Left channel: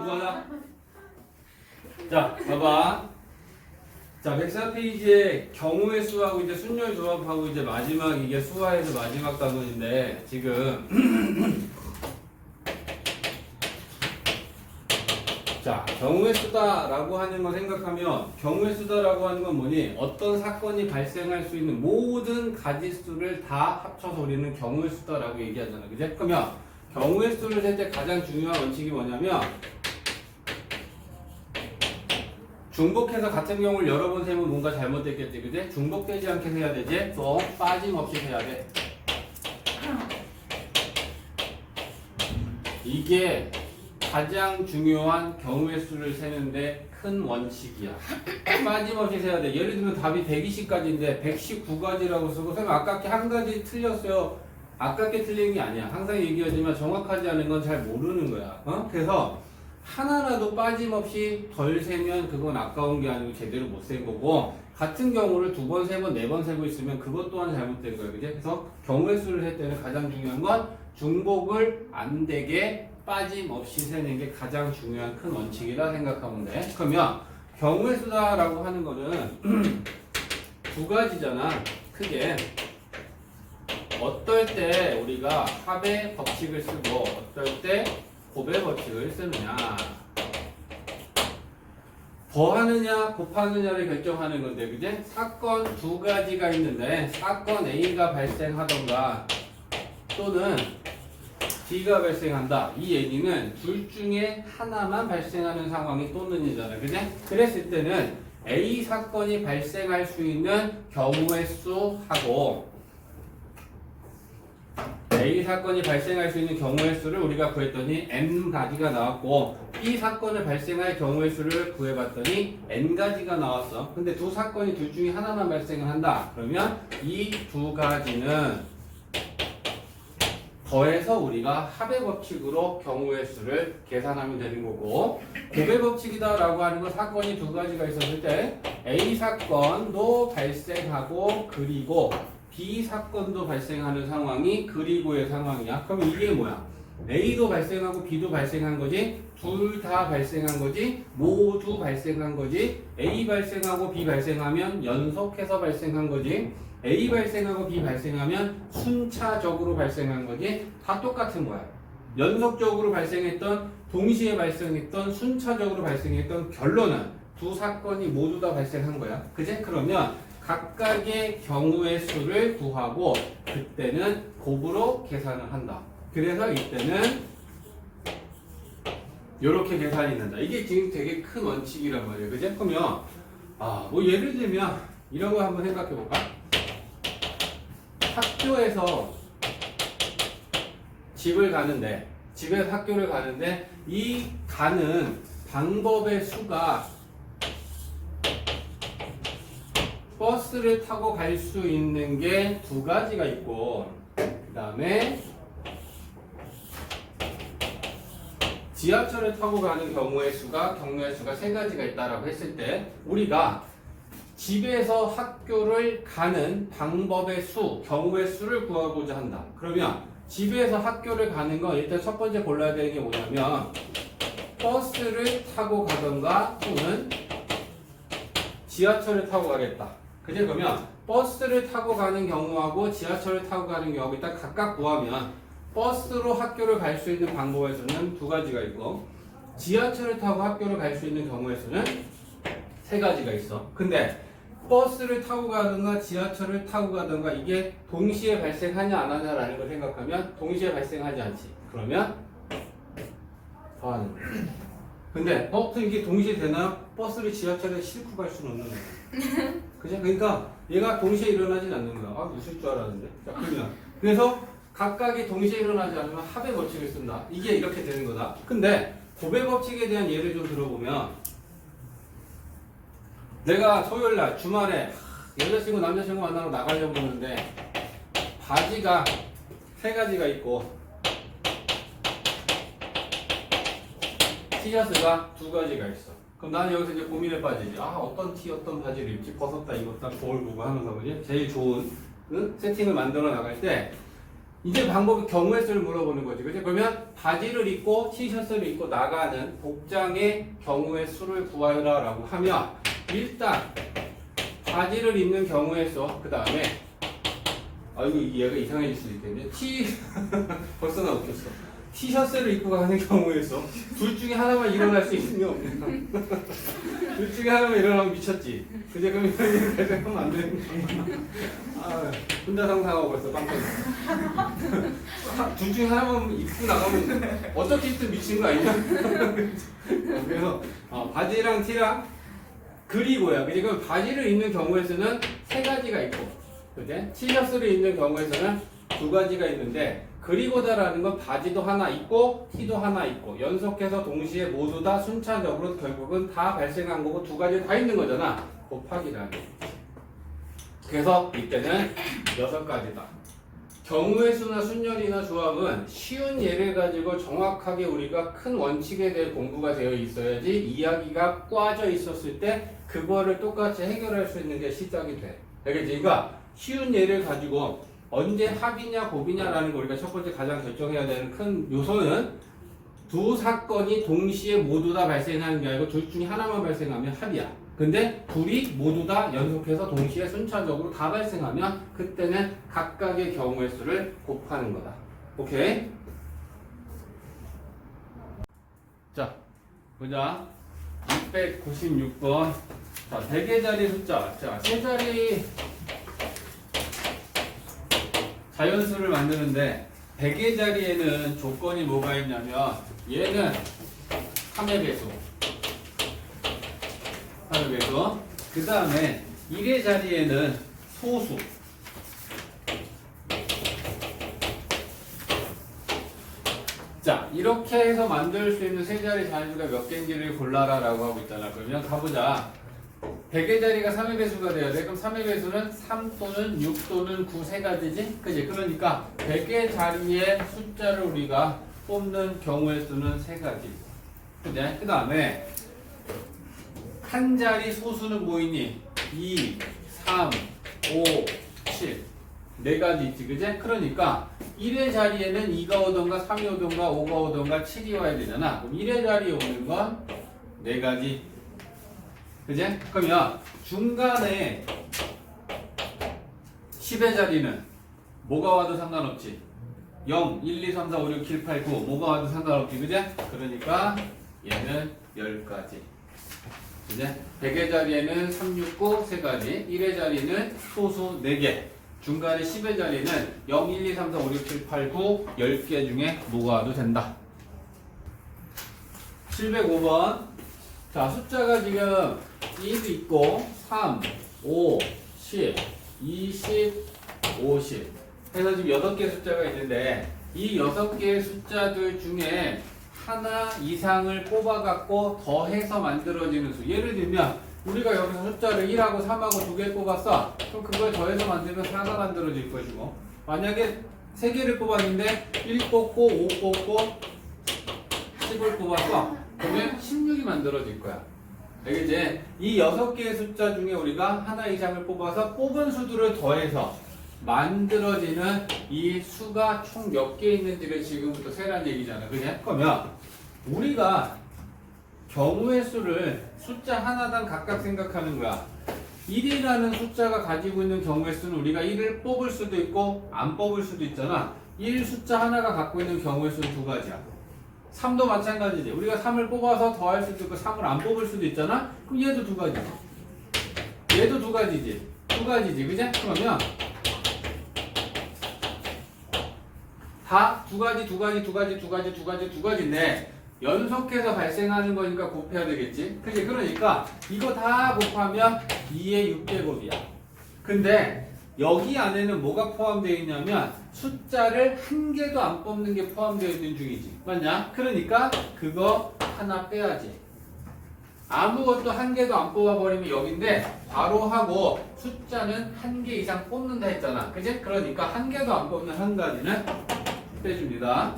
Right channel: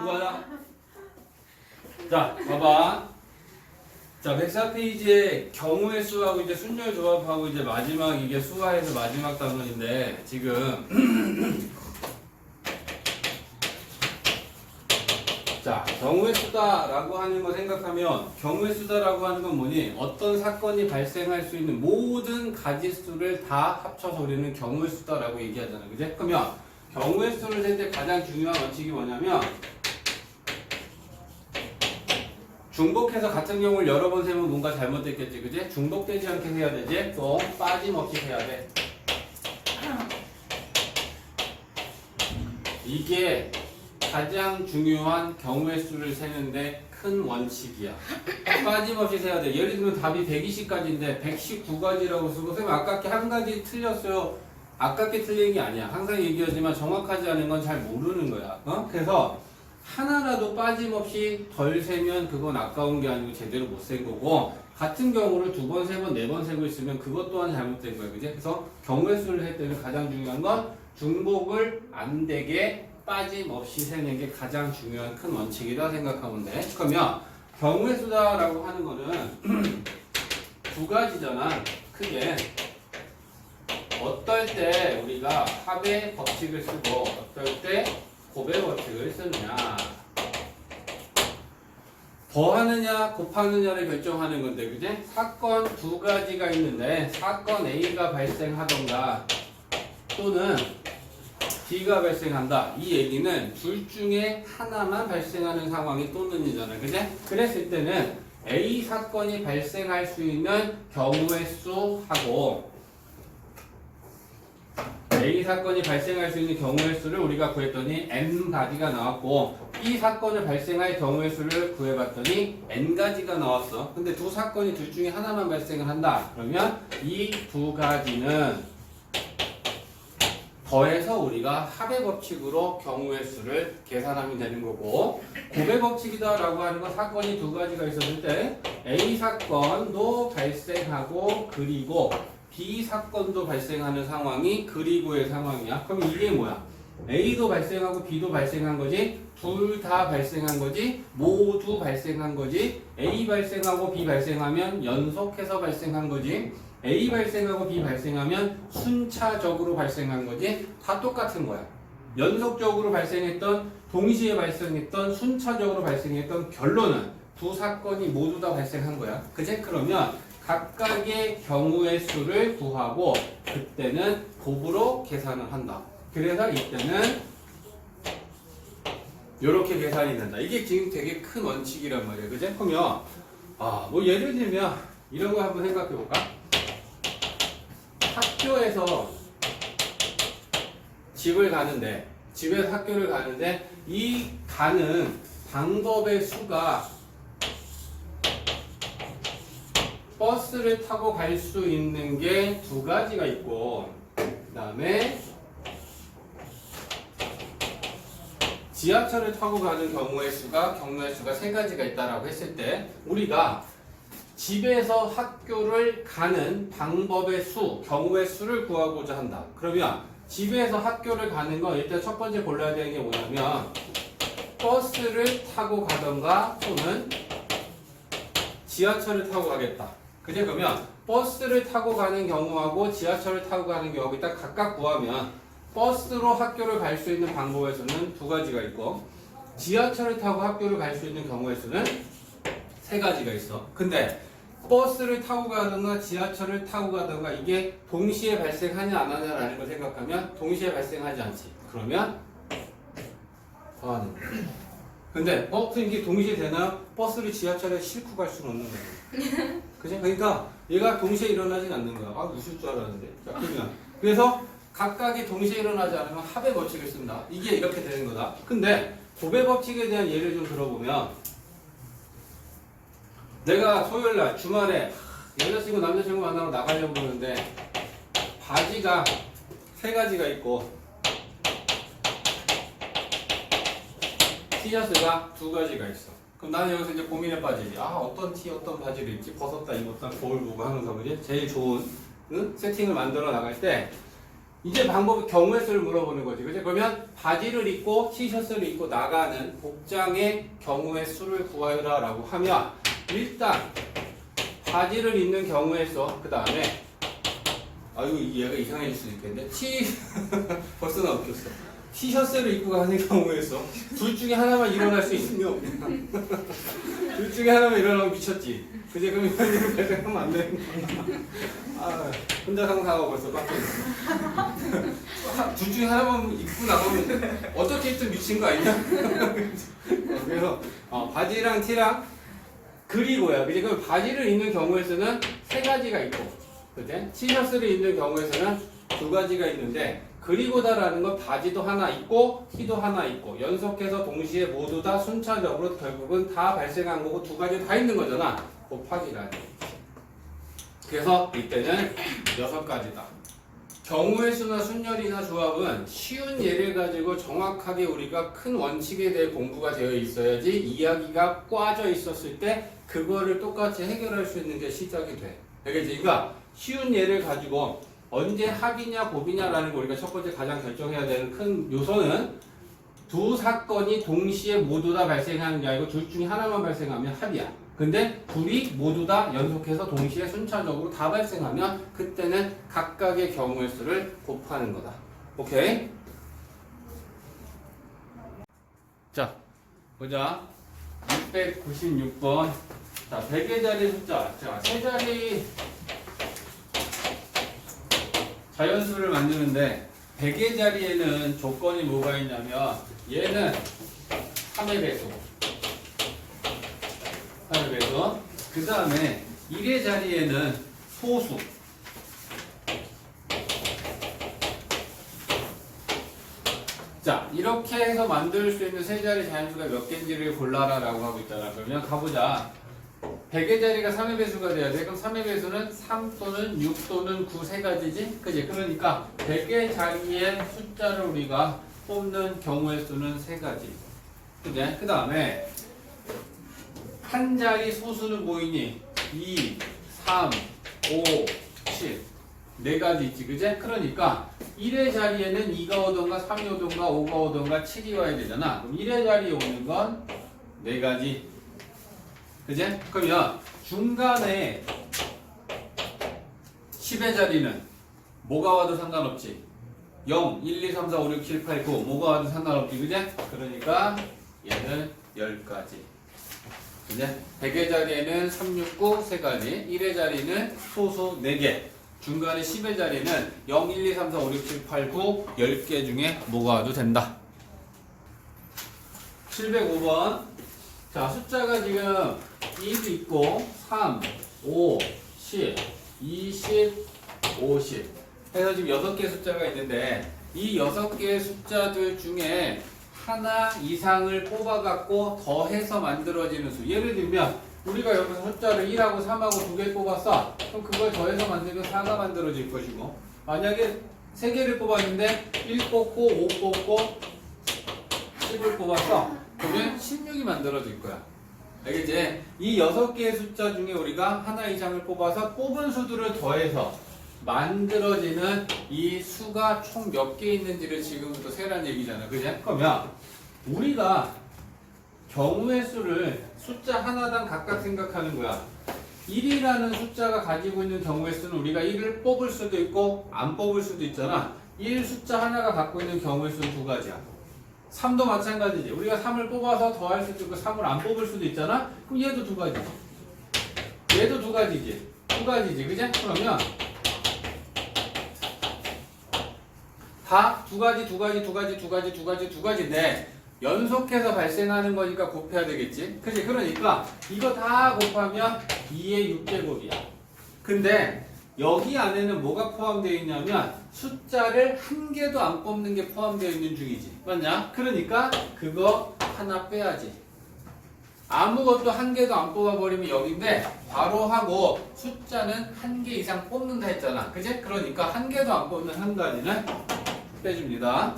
공부하자. 자, 봐봐. 자, 104페이지에 경우의 수하고 이제 순열 조합하고 이제 마지막 이게 수화에서 마지막 단원인데 지금 자, 경우의 수다라고 하는 거 생각하면 경우의 수다라고 하는 건 뭐니? 어떤 사건이 발생할 수 있는 모든 가지수를 다 합쳐서 우리는 경우의 수다라고 얘기하잖아. 그지? 그러면 경우의 수를 셀 때 가장 중요한 원칙이 뭐냐면 중복해서 같은 경우를 여러 번 세면 뭔가 잘못됐겠지. 그지? 중복되지 않게 해야 되지? 또 빠짐없이 해야 돼. 이게 가장 중요한 경우의 수를 세는데 큰 원칙이야. 빠짐없이 세야 돼. 예를 들면 답이 120가지인데 119가지라고 쓰고 선생님 아깝게 한 가지 틀렸어요. 아깝게 틀린 게 아니야. 항상 얘기하지만 정확하지 않은 건 잘 모르는 거야. 그래서 하나라도 빠짐없이 덜 세면 그건 아까운 게 아니고 제대로 못 센 거고 같은 경우를 두 번, 세 번, 네 번 세고 있으면 그것 또한 잘못된 거야. 그지? 그래서 경우의 수를 셀 때는 가장 중요한 건 중복을 안 되게 빠짐없이 세는 게 가장 중요한 큰 원칙이다 생각하면 돼. 그러면 경우의 수다라고 하는 거는 두 가지잖아. 크게 어떨 때 우리가 합의 법칙을 쓰고 어떨 때 곱의 법칙을 쓰느냐. 더하느냐 곱하느냐를 결정하는 건데 그지? 사건 두 가지가 있는데 사건 A가 발생하던가 또는 B가 발생한다. 이 얘기는 둘 중에 하나만 발생하는 상황이 또는이잖아. 그지? 그랬을 때는 A 사건이 발생할 수 있는 경우의 수하고 A 사건이 발생할 수 있는 경우의 수를 우리가 구했더니 N가지가 나왔고 B 사건을 발생할 경우의 수를 구해봤더니 N가지가 나왔어. 근데 두 사건이 둘 중에 하나만 발생을 한다. 그러면 이 두 가지는 더해서 우리가 합의 법칙으로 경우의 수를 계산하면 되는 거고 곱의 법칙이다 라고 하는 건 사건이 두 가지가 있었을 때 A 사건도 발생하고 그리고 B 사건도 발생하는 상황이 그리고의 상황이야. 그럼 이게 뭐야? A도 발생하고 B도 발생한 거지 둘 다 발생한 거지 모두 발생한 거지 A 발생하고 B 발생하면 연속해서 발생한 거지 A 발생하고 B 발생하면 순차적으로 발생한 거지 다 똑같은 거야. 연속적으로 발생했던 동시에 발생했던 순차적으로 발생했던 결론은 두 사건이 모두 다 발생한 거야. 그제? 그러면 각각의 경우의 수를 구하고 그때는 곱으로 계산을 한다. 그래서 이때는 이렇게 계산이 된다. 이게 지금 되게 큰 원칙이란 말이야. 그제? 그러면 뭐 예를 들면 이런 거 한번 생각해 볼까? 학교에서 집을 가는데 집에서 학교를 가는데 이 가는 방법의 수가 버스를 타고 갈 수 있는 게 두 가지가 있고 그 다음에 지하철을 타고 가는 경우의 수가 세 가지가 있다라고 했을 때 우리가 집에서 학교를 가는 방법의 수, 경우의 수를 구하고자 한다. 그러면 집에서 학교를 가는 거 일단 첫 번째 골라야 되는 게 뭐냐면 버스를 타고 가던가 또는 지하철을 타고 가겠다. 그죠? 그러면 버스를 타고 가는 경우하고 지하철을 타고 가는 경우하고 일단 각각 구하면 버스로 학교를 갈 수 있는 방법의 수는 두 가지가 있고 지하철을 타고 학교를 갈 수 있는 경우의 수는 세 가지가 있어. 근데 버스를 타고 가든가 지하철을 타고 가든가 이게 동시에 발생하냐 안 하냐라는 걸 생각하면 동시에 발생하지 않지. 그러면 더하는 거야. 근데 선생님 이게 동시에 되나요? 버스를 지하철에 싣고 갈 수는 없는 거야. 그죠? 그러니까 얘가 동시에 일어나진 않는 거야. 웃을 줄 알았는데. 자, 그러면 그래서 각각이 동시에 일어나지 않으면 합의 법칙을 쓴다. 이게 이렇게 되는 거다. 근데 곱의 법칙에 대한 예를 좀 들어보면 내가 토요일날 주말에 여자친구 남자친구 만나러 나가려고 그러는데 바지가 세 가지가 있고 티셔츠가 두 가지가 있어. 그럼 나는 여기서 이제 고민에 빠지지. 어떤 티 어떤 바지를 입지 벗었다 입었다 거울 보고 하면서 그지? 제일 좋은 세팅을 만들어 나갈 때 이제 방법이 경우의 수를 물어보는 거지. 그치? 그러면 바지를 입고 티셔츠를 입고 나가는 복장의 경우의 수를 구하라 라고 하면 일단 바지를 입는 경우의 수, 그 다음에 아이고 얘가 이상해질 수도 있겠네. 벌써 나 웃겼어. 티셔츠를 입고 가는 경우의 수. 둘 중에 하나만 일어날 수 있는 게 없네. 둘 중에 하나만 일어나면 미쳤지. 그제 그럼 이거 배정하면 안 되는 거야. 아, 혼자 상상하고 벌써 깜짝 놀랐어. 둘 중에 하나만 입고 나가면 어떻게 입든 미친 거 아니냐? 그래서 바지랑 티랑 그리고야. 그리고 바지를 입는 경우에서는 세 가지가 있고, 그제? 티셔츠를 입는 경우에서는 두 가지가 있는데, 그리고다라는 건 바지도 하나 있고 티도 하나 있고 연속해서 동시에 모두 다 순차적으로 결국은 다 발생한 거고 두 가지 다 있는 거잖아. 곱하기라는 거. 그래서 이때는 6가지다. 경우의 수나 순열이나 조합은 쉬운 예를 가지고 정확하게 우리가 큰 원칙에 대해 공부가 되어 있어야지 이야기가 꽈져 있었을 때 그거를 똑같이 해결할 수 있는 게 시작이 돼. 알겠지? 그러니까 쉬운 예를 가지고 언제 합이냐 곱이냐라는 거 우리가 첫 번째 가장 결정해야 되는 큰 요소는 두 사건이 동시에 모두 다 발생하는 게 아니고 둘 중에 하나만 발생하면 합이야. 근데 둘이 모두 다 연속해서 동시에 순차적으로 다 발생하면 그때는 각각의 경우의 수를 곱하는 거다. 오케이? 자, 보자. 696번. 자, 100의 자리 숫자. 자, 세 자리 자연수를 만드는데 100의 자리에는 조건이 뭐가 있냐면 얘는 3의 배수. 3의 배수. 그 다음에 1의 자리에는 소수. 자, 이렇게 해서 만들 수 있는 세 자리 자연수가 몇 개인지를 골라라 라고 하고 있잖아. 그러면 가보자. 100의 자리가 3의 배수가 돼야 돼. 그럼 3의 배수는 3 또는 6 또는 9 세 가지지? 그지? 그러니까 100의 자리의 숫자를 우리가 뽑는 경우의 수는 세 가지. 그지? 그 다음에 한 자리 소수는 뭐 있니? 2, 3, 5, 7. 네 가지 있지. 그지? 그러니까 1의 자리에는 2가 오던가 3이 오던가 5가 오던가 7이 와야 되잖아. 그럼 1의 자리에 오는 건 네 가지. 그지? 그러면 중간에 10의 자리는 뭐가 와도 상관없지. 0, 1, 2, 3, 4, 5, 6, 7, 8, 9 뭐가 와도 상관없지. 그지? 그러니까 얘는 10가지. 그지? 100의 자리에는 3, 6, 9 3가지. 1의 자리는 소수 4개. 중간에 10의 자리는 0, 1, 2, 3, 4, 5, 6, 7, 8, 9 10개 중에 뭐가 와도 된다. 705번. 자, 숫자가 지금 1도 있고 3, 5, 10, 20, 50 해서 지금 6개 숫자가 있는데 이 6개의 숫자들 중에 하나 이상을 뽑아갖고 더해서 만들어지는 수. 예를 들면 우리가 여기서 숫자를 1하고 3하고 2개 뽑았어. 그럼 그걸 더해서 만들면 4가 만들어질 것이고 만약에 3개를 뽑았는데 1 뽑고 5 뽑고 10을 뽑았어. 그러면 16이 만들어질 거야. 알겠지? 이 6개의 숫자 중에 우리가 하나 이상을 뽑아서 뽑은 수들을 더해서 만들어지는 이 수가 총 몇 개 있는지를 지금부터 세라는 얘기잖아. 그지? 그러면 우리가 경우의 수를 숫자 하나당 각각 생각하는 거야. 1이라는 숫자가 가지고 있는 경우의 수는 우리가 1을 뽑을 수도 있고 안 뽑을 수도 있잖아. 1 숫자 하나가 갖고 있는 경우의 수는 두 가지야. 3도 마찬가지지. 우리가 3을 뽑아서 더할 수도 있고 3을 안 뽑을 수도 있잖아. 그럼 얘도 두 가지지. 얘도 두 가지지. 두 가지지. 그지? 그러면 다 두 가지, 두 가지, 두 가지, 두 가지, 두 가지, 두 가지인데 연속해서 발생하는 거니까 곱해야 되겠지. 그지? 그러니까 이거 다 곱하면 2의 6제곱이야. 근데 여기 안에는 뭐가 포함되어 있냐면 숫자를 한 개도 안 뽑는 게 포함되어 있는 중이지. 맞냐? 그러니까 그거 하나 빼야지. 아무것도 한 개도 안 뽑아버리면 여기인데 바로 하고 숫자는 한 개 이상 뽑는다 했잖아. 그지? 그러니까 한 개도 안 뽑는 한 가지는 빼줍니다.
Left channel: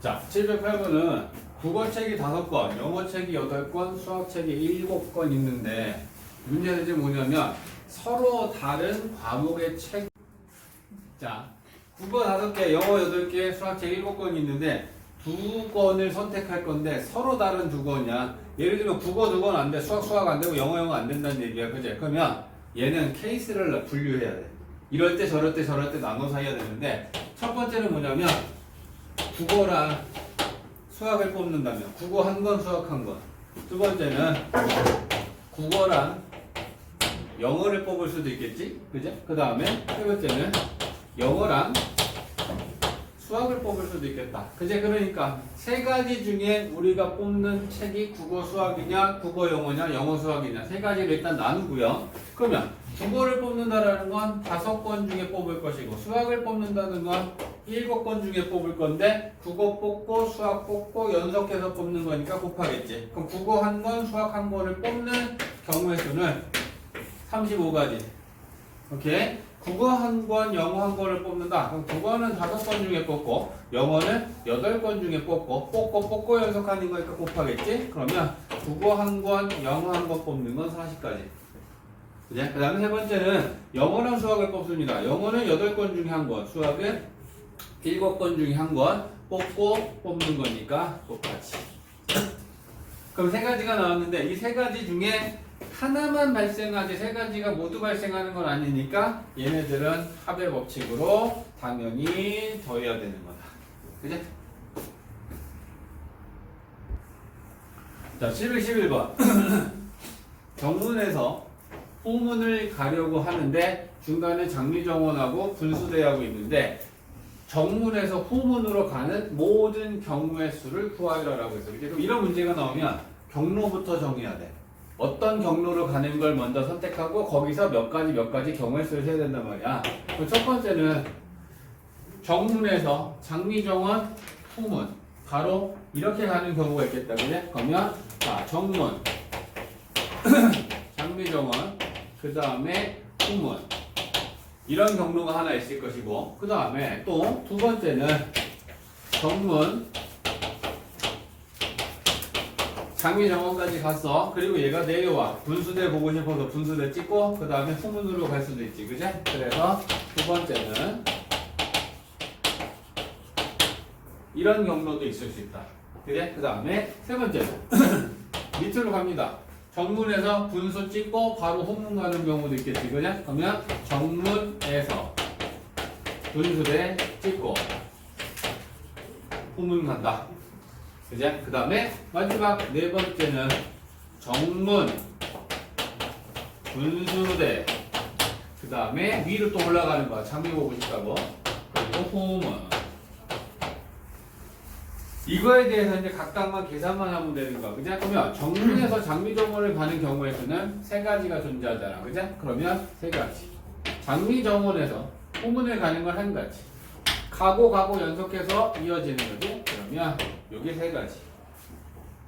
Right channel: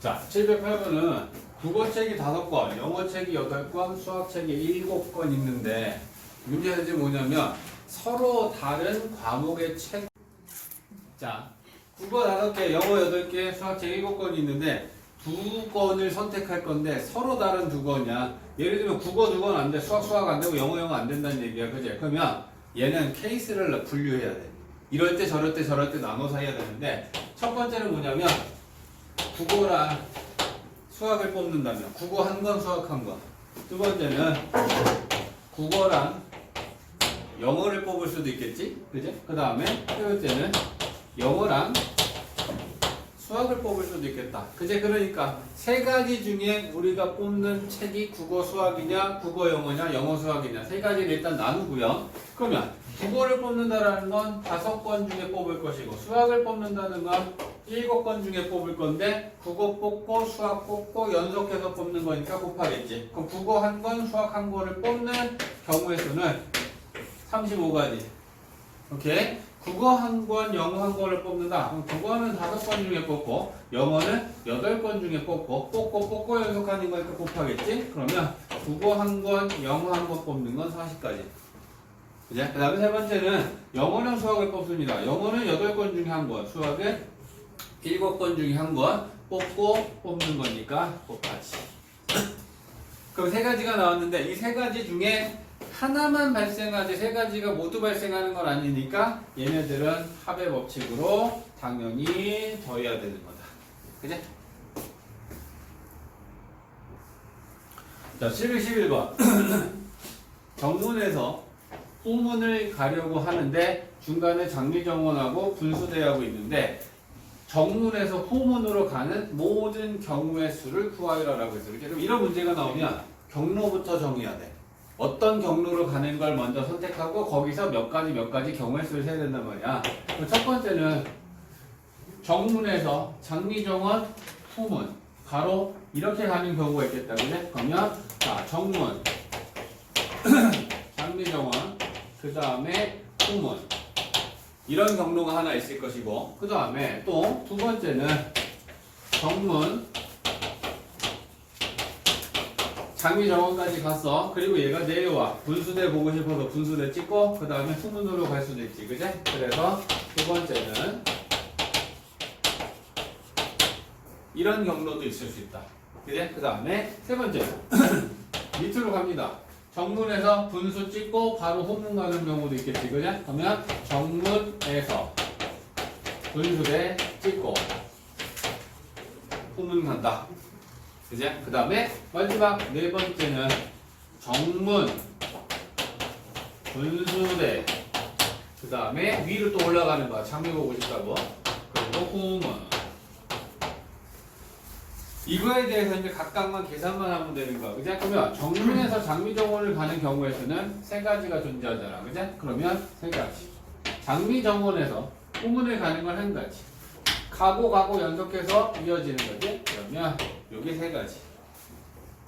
자, 708번은 국어책이 5권, 영어책이 8권, 수학책이 7권 있는데 문제는 이제 뭐냐면 서로 다른 과목의 책. 자, 국어 5개, 영어 8개, 수학 책 7권이 있는데 2권을 선택할 건데 서로 다른 2권이야. 예를 들면 국어 2권 안 돼, 수학 안 되고 영어 안 된다는 얘기야. 그지? 그러면 얘는 케이스를 분류해야 돼. 이럴 때 저럴 때 나눠서 해야 되는데 첫 번째는 뭐냐면 국어랑 수학을 뽑는다면 국어 1권, 수학 1권. 두 번째는 국어랑 영어를 뽑을 수도 있겠지? 그지? 그 다음에 세 번째는 영어랑 수학을 뽑을 수도 있겠다. 그제? 그러니까 세 가지 중에 우리가 뽑는 책이 국어 수학이냐, 국어 영어냐, 영어 수학이냐 세 가지를 일단 나누고요. 그러면 국어를 뽑는다라는 건 5권 중에 뽑을 것이고 수학을 뽑는다는 건 7권 중에 뽑을 건데 국어 뽑고 수학 뽑고 연속해서 뽑는 거니까 곱하겠지. 그럼 국어 1권, 수학 1권을 뽑는 경우의 수는 35가지. 오케이? 국어 1권, 영어 1권을 뽑는다. 그럼 국어는 5권 중에 뽑고 영어는 8권 중에 뽑고 연속하는 거니까 곱하겠지? 그러면 국어 1권, 영어 1권 뽑는 건 40가지. 그죠? 그 다음에 세 번째는 영어랑 수학을 뽑습니다. 영어는 8권 중에 1권, 수학은 7권 중에 1권 뽑고 뽑는 거니까 곱하지. 그럼 세 가지가 나왔는데 이 세 가지 중에 하나만 발생하지 세 가지가 모두 발생하는 건 아니니까 얘네들은 합의 법칙으로 당연히 더해야 되는 거다. 그죠? 자, 711번. 정문에서 후문을 가려고 하는데 중간에 장미정원하고 분수대하고 있는데 정문에서 후문으로 가는 모든 경우의 수를 구하라라고 했어요. 그럼 이런 문제가 나오면 경로부터 정해야 돼. 어떤 경로로 가는 걸 먼저 선택하고 거기서 몇 가지 경우의 수를 세야 된단 말이야. 첫 번째는 정문에서 장미정원 후문 바로 이렇게 가는 경우가 있겠다. 그래? 그러면 자, 정문 장미정원 그 다음에 후문 이런 경로가 하나 있을 것이고 그 다음에 또 두 번째는 정문 장미정원까지 갔어. 그리고 얘가 내려와. 분수대 보고 싶어서 분수대 찍고 그 다음에 후문으로 갈 수도 있지. 그지? 그래서 두 번째는 이런 경로도 있을 수 있다. 그지? 그 다음에 세 번째는 밑으로 갑니다. 정문에서 분수 찍고 바로 후문 가는 경우도 있겠지. 그지? 그러면 정문에서 분수대 찍고 후문 간다. 그죠? 그 다음에 마지막 네 번째는 정문, 분수대, 그 다음에 위로 또 올라가는 거야. 장미 보고 싶다고. 그리고 후문. 이거에 대해서 이제 각각만 계산만 하면 되는 거야. 그죠? 그러면 정문에서 장미정원을 가는 경우의 수는 세 가지가 존재하잖아. 그죠? 그러면 세 가지. 장미정원에서 후문을 가는 건 한 가지. 가고 연속해서 이어지는 거지. 그러면 여기 세 가지.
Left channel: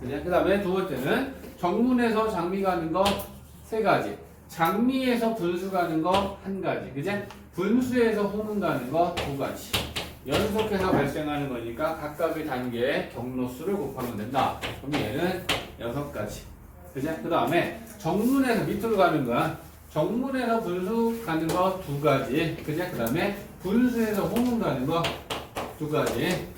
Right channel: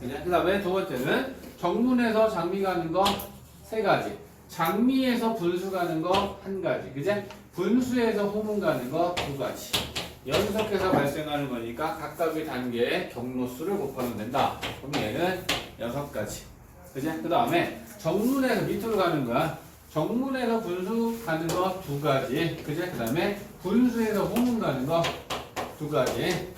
그 다음에 두 번째는 정문에서 장미 가는 거 세 가지. 장미에서 분수 가는 거 한 가지. 그지? 분수에서 후문 가는 거 두 가지. 연속해서 발생하는 거니까 각각의 단계의 경로수를 곱하면 된다. 그럼 얘는 6가지. 그지? 그 다음에 정문에서 밑으로 가는 거야. 정문에서 분수 가는 거 두 가지. 그지? 그 다음에 분수에서 후문 가는 거 두 가지.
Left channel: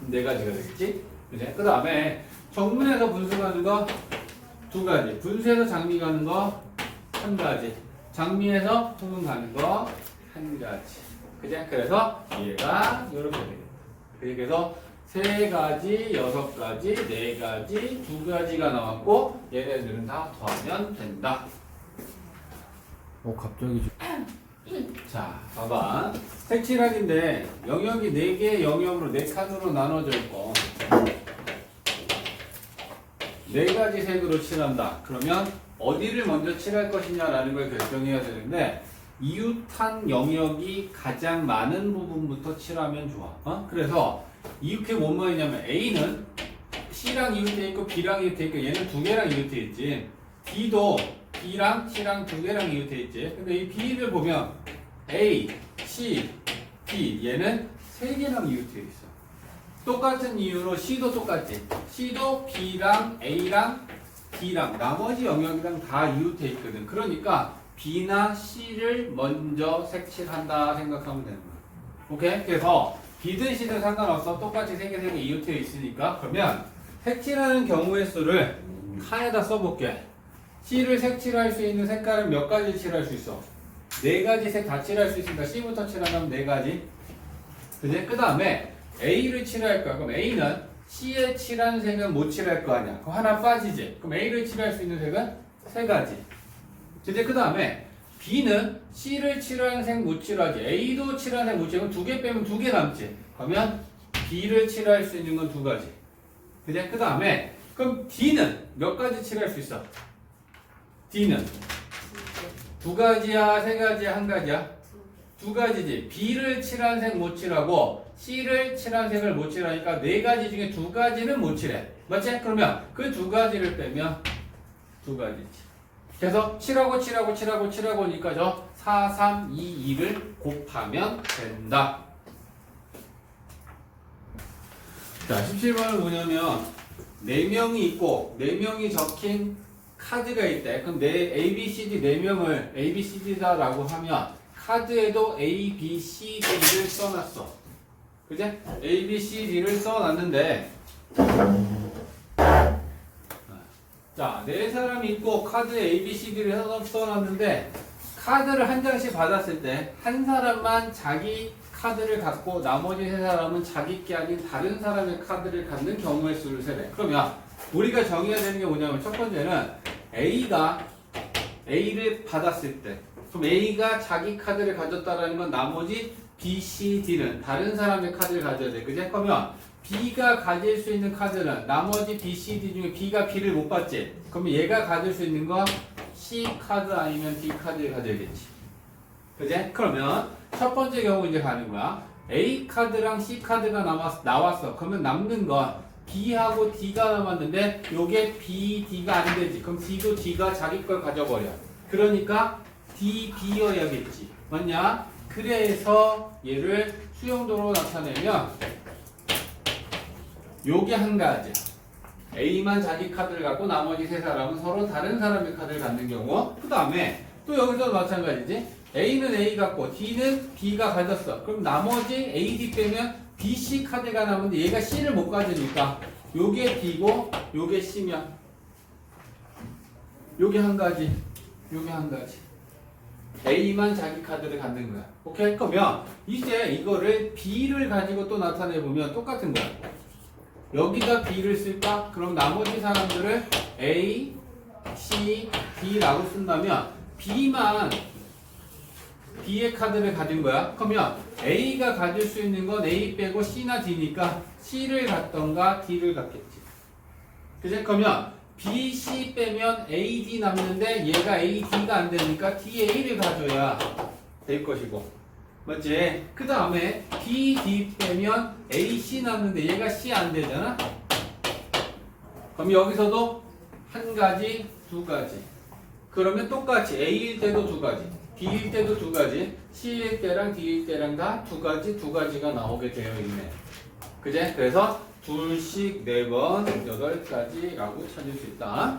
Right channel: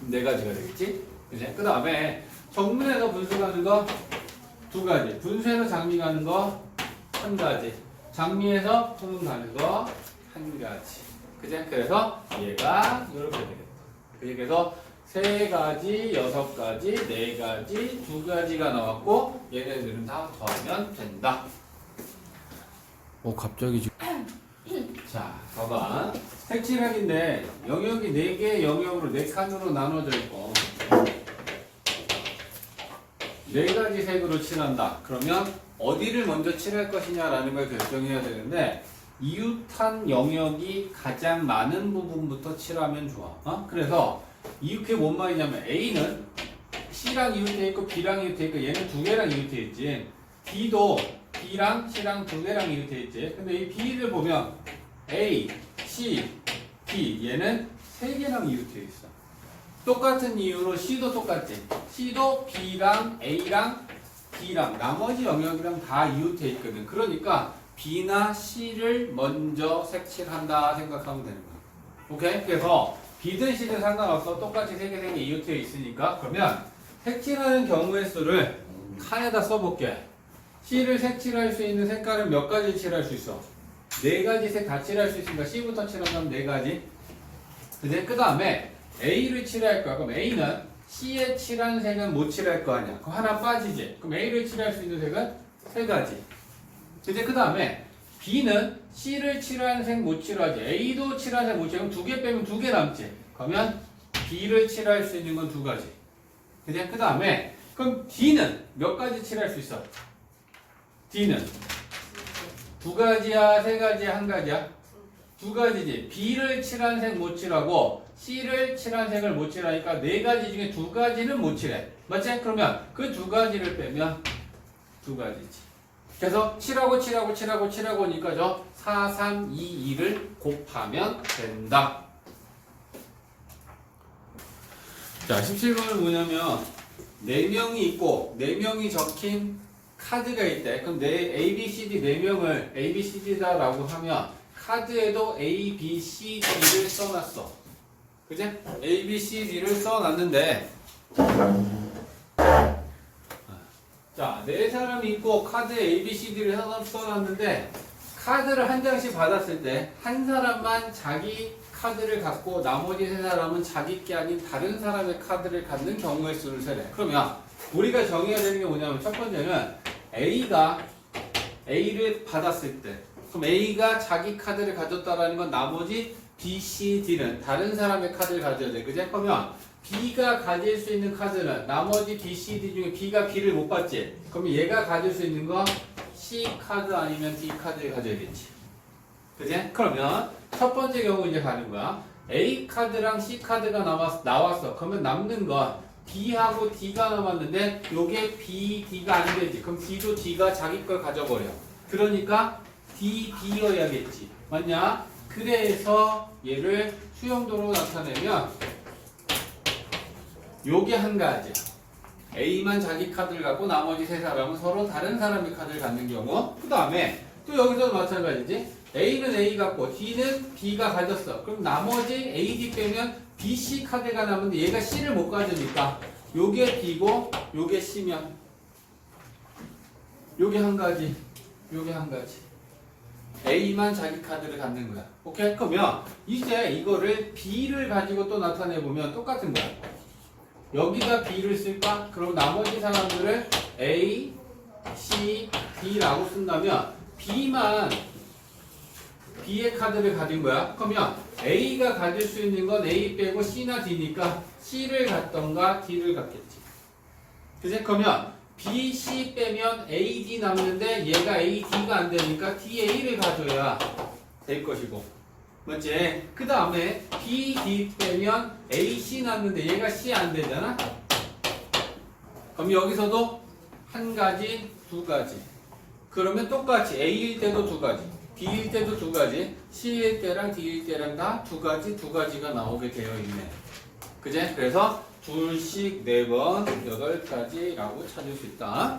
네 가지가 되겠지? 그지? 그 다음에 정문에서 분수 가는 거 두 가지. 분수에서 장미 가는 거 한 가지. 장미에서 후문 가는 거 한 가지. 그지? 그래서 얘가 이렇게 되겠다. 그래서 세 가지, 6가지, 네 가지, 두 가지가 나왔고 얘네들은 다 더하면 된다. 오, 갑자기 자, 봐봐. 색칠하기인데 영역이 4개 영역으로 4칸으로 나눠져 있고 4가지 색으로 칠한다. 그러면 어디를 먼저 칠할 것이냐라는 걸 결정해야 되는데 이웃한 영역이 가장 많은 부분부터 칠하면 좋아. 그래서 이렇게 뭔 말이냐면 A는 C랑 이웃돼 있고 B랑 이웃돼 있고 얘는 두 개랑 이웃돼 있지. B도 B랑 C랑 두 개랑 이웃돼 있지. 근데 이 B를 보면 A, C, B 얘는 세 개랑 이웃돼 있어. 똑같은 이유로 C도 똑같지. C도 B랑 A랑 D랑 나머지 영역이랑 다 이웃해 있거든. 그러니까 B나 C를 먼저 색칠한다 생각하면 되는 거야. 오케이? 그래서 B든 C든 상관없어. 똑같이 세 개 이웃해 있으니까. 그러면 색칠하는 경우의 수를 칸에다 써볼게. C를 색칠할 수 있는 색깔은 몇 가지 칠할 수 있어? 네 가지 색 다 칠할 수 있으니까 C부터 칠하면 네 가지. 그지? 그 다음에 A를 칠할 거야. 그럼 A는 C에 칠한 색은 못 칠할 거 아니야. 그럼 하나 빠지지. 그럼 A를 칠할 수 있는 색은 세 가지. 그지? 그 다음에 B는 C를 칠한 색 못 칠하지. A도 칠한 색 못 칠하면 두 개 빼면 두 개 남지. 그러면 B를 칠할 수 있는 건 두 가지. 그지? 그 다음에 그럼 D는 몇 가지 칠할 수 있어? D는 두 가지야, 세 가지야, 한 가지야? 두 가지지. B를 칠한 색 못 칠하고 C를 칠한 색을 못 칠하니까 네 가지 중에 두 가지는 못 칠해. 맞지? 그러면 그 두 가지를 빼면 두 가지지. 그래서 7하고 저 4, 3, 2, 2를 곱하면 된다. 자, 17번은 뭐냐면 4명이 있고 4명이 적힌 카드가 있대. 그럼 A, B, C, D 4명을 A, B, C, D다라고 하면 카드에도 A, B, C, D를 써놨어. 그지? A, B, C, D를 써놨는데 자, 네 사람이 있고 카드에 A, B, C, D를 써놨는데 카드를 한 장씩 받았을 때 한 사람만 자기 카드를 갖고 나머지 세 사람은 자기 게 아닌 다른 사람의 카드를 갖는 경우의 수를 세래. 그러면 우리가 정의해야 되는 게 뭐냐면 첫 번째는 A가 A를 받았을 때 그럼 A가 자기 카드를 가졌다라는 건 나머지 B, C, D는 다른 사람의 카드를 가져야 돼. 그지? 그러면 B가 가질 수 있는 카드는 나머지 B, C, D 중에 B가 B를 못 받지? 그러면 얘가 가질 수 있는 건 C 카드 아니면 D 카드를 가져야겠지. 그지? 그러면 첫 번째 경우 이제 가는 거야. A 카드랑 C 카드가 나왔어. 그러면 남는 건 B하고 D가 남았는데 요게 B, D가 안 되지. 그럼 D도 D가 자기 걸 가져버려. 그러니까 D, B여야겠지. 맞냐? 그래서 얘를 수용도로 나타내면 요게 한 가지. A만 자기 카드를 갖고 나머지 세 사람은 서로 다른 사람의 카드를 갖는 경우. 그 다음에 또 여기서도 마찬가지지. A는 A 갖고 D는 B가 가졌어. 그럼 나머지 A, D 빼면 B, C 카드가 남는데 얘가 C를 못 가지니까 요게 B고 요게 C면 요게 한 가지. 요게 한 가지. A만 자기 카드를 갖는 거야. 오케이? 그러면 이제 이거를 B를 가지고 또 나타내보면 똑같은 거야. 여기다 B를 쓸까? 그럼 나머지 사람들을 A, C, D라고 쓴다면 B만 B의 카드를 가진 거야. 그러면 A가 가질 수 있는 건 A 빼고 C나 D니까 C를 갖던가 D를 갖겠지. 그치? 그러면 B, C 빼면 A, D 남는데 얘가 A, D가 안 되니까 D, A를 가져야 될 것이고. 맞지? 그 다음에 B, D 빼면 A, C 남는데 얘가 C 안 되잖아? 그럼 여기서도 한 가지, 두 가지. 그러면 똑같이 A일 때도 두 가지. B일 때도 두 가지, C일 때랑 D일 때랑 다 두 가지가 나오게 되어 있네. 그제? 그래서 둘씩 4번, 8가지라고 찾을 수 있다.